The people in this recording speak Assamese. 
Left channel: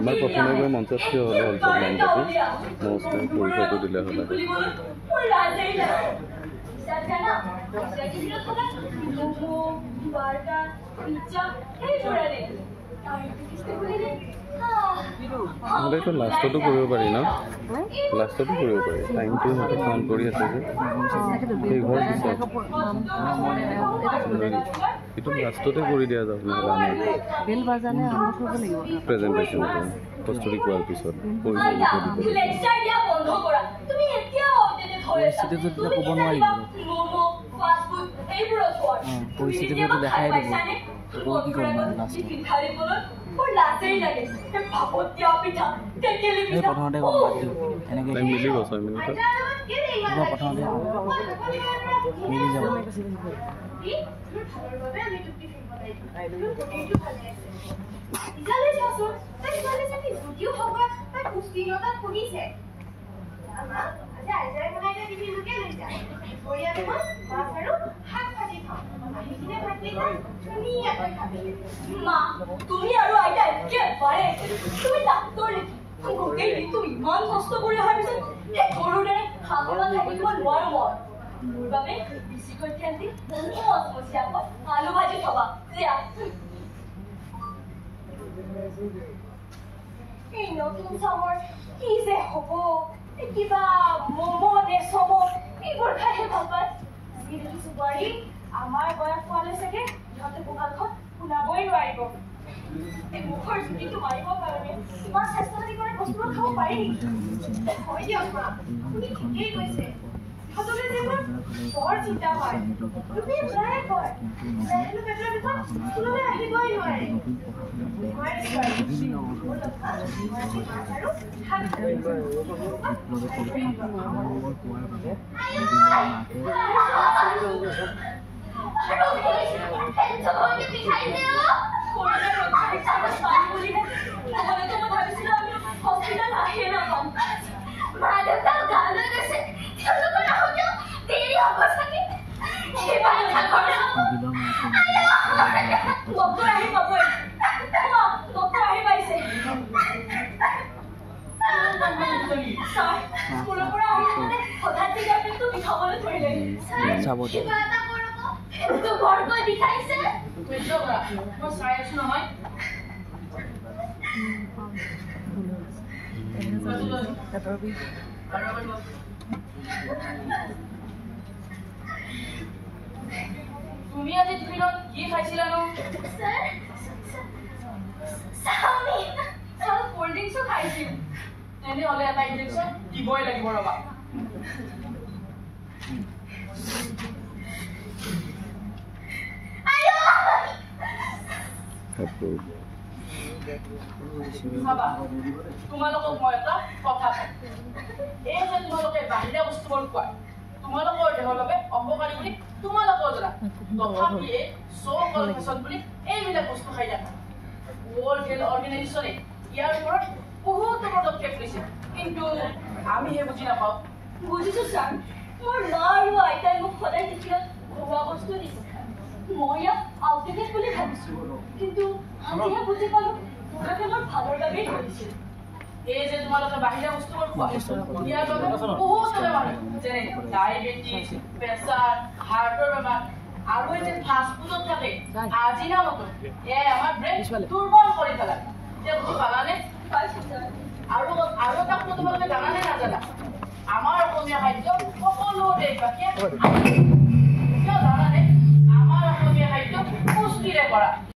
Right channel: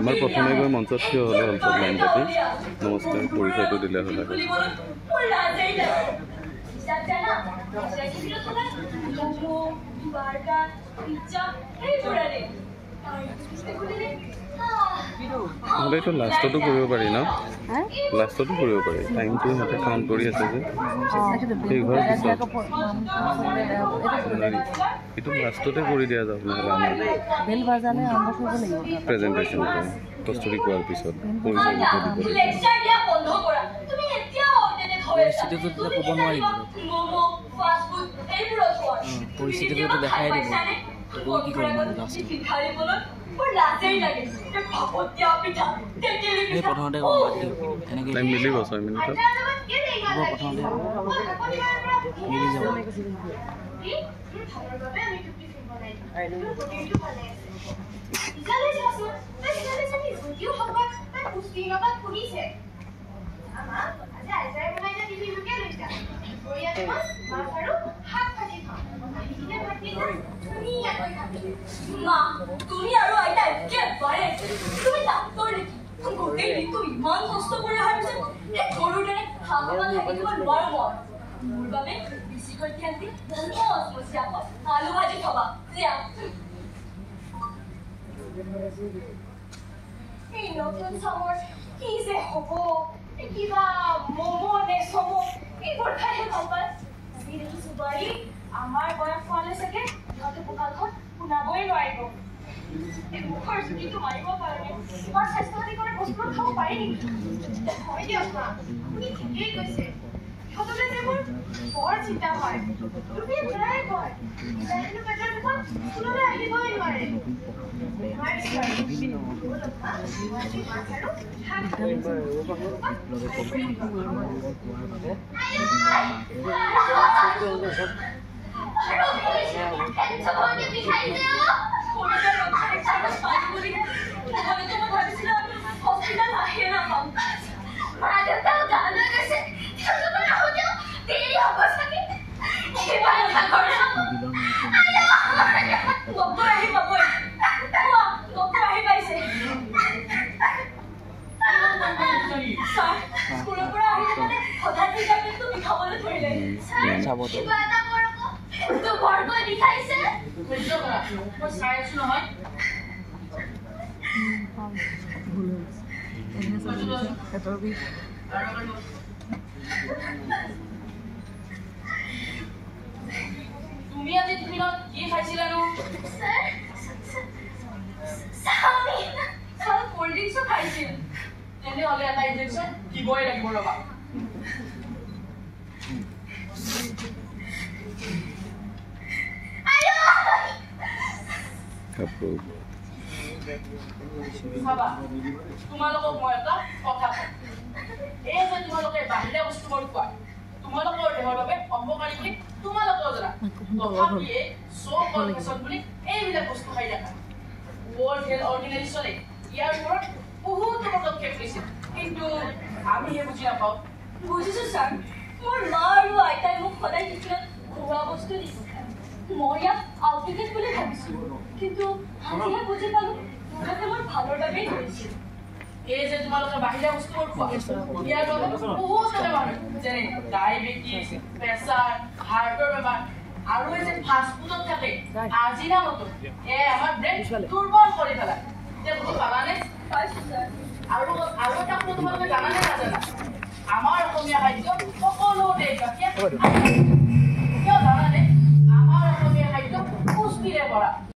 আমাৰ প্ৰথমে গৈ মঞ্চত থিয় হ'লে হ'ল লাইন পাতি নমস্কাৰ পৰিচয়টো দিলে হ'ল এইটো লাষ্টতো কৰিব পাৰি ন লাষ্টতো কৰিব পাৰি টাইমটো সিহঁতে কাউণ্ট কৰি আছে যে সেই ঘৰ পিছত এইটো লাষ্টতে কৰি দিয়া যাওক নহ'লে আমাৰ প্ৰেজেণ্টেশ্যনটো কষ্টৰি কোৱাৰ পিছত পৰিচয় লিখি দিব পৰিস্থিতিটো দেখাই দিব মিলিব 6 মিনিটত তুমি আৰু আইতা একেবাৰে তুমি ডাক্তৰ নেকি গোটেই দিনটো ইমান কষ্ট কৰি অহাৰ পিছত সেই গৰুৰ দৰে খাবলৈ থাকিব নোৱাৰো মই মোৰ বাবে বেছিকৈ ধ্যান দি আলু ভাজি খাবা এই নতুন চামৰ কি যে হ'ব কিবা ম'ম' নে চম' এইবোৰ খাইহে ভাল পায় আমি দেখিছো বোৱাৰী আমাৰ বয়স হোৱালে চাগে সিহঁতে কঁকালখন শুনাবই নোৱাৰিব এই মুখৰ জুতিটো মাৰিব কাৰণে ইমান স্বাস্থ্যহানি কৰা বস্তু খাব পাৰি নেকি হয় দিয়ক মা আপুনি ঠিকেই কৈছে ইহঁতলৈ যে মোৰ বৰ চিন্তা হয় লোকে প্ৰায় কয় হেনো পেটৰ বিষত স্কুললৈ আহিবই নোৱাৰে তুমি আজি টিফিনত কি খাইছিলা নো কোল্ড ড্ৰিংকছো খাইছিল তেনেহ'লে এটা ইনজেকশ্যন দিবই লাগিব ৰবা তোমালোকক মই এটা কথা কওঁ এই যে তোমালোকে বাহিৰা বস্তুবোৰ খোৱা তোমালোকৰ দেহৰ বাবে অপকাৰী বুলি তোমালোকেও জানা তথাপিয়ে ফেশ্বন বুলি এইবিলাক বস্তু খাই দেখা ৱৰ্ল্ড হেল্থ অৰ্গেনাইজেশ্যনে ইয়াৰ ওপৰত বহুতো পদক্ষেপ লৈছে কিন্তু আমিহে বুজি নাপাওঁ বুজিছো ছাৰ মোৰ মা আৰু আইতাই মোক সদায় টিফিনত ঘৰুৱা বস্তু দিছে মই ইয়াক আউটলেট বুলি ভাবিছো কিন্তু আজিহে বুজি পালো মুঠতে মোৰ ভালৰ বাবেই ধৰিছিল এই যে তোমালোকে বাহিৰা বস্তুবোৰ খোৱা ইয়াৰ বাবে বহুত বেমাৰ হয় যেনে ডায়েবেটিছ প্ৰেছাৰ হাৰ্টৰ বেমাৰ আৰু এই যে ফাষ্ট ফুডত থাকে আজিনামতো আমাৰ ব্ৰেইন দুৰ্বল কৰি পেলায় এতিয়া বুজি পালানে আৰু এটা কথা তোমালোকে জানানে নাজানা আমাৰ অসমীয়া খাদ্য সকলো দেশবাসীয়ে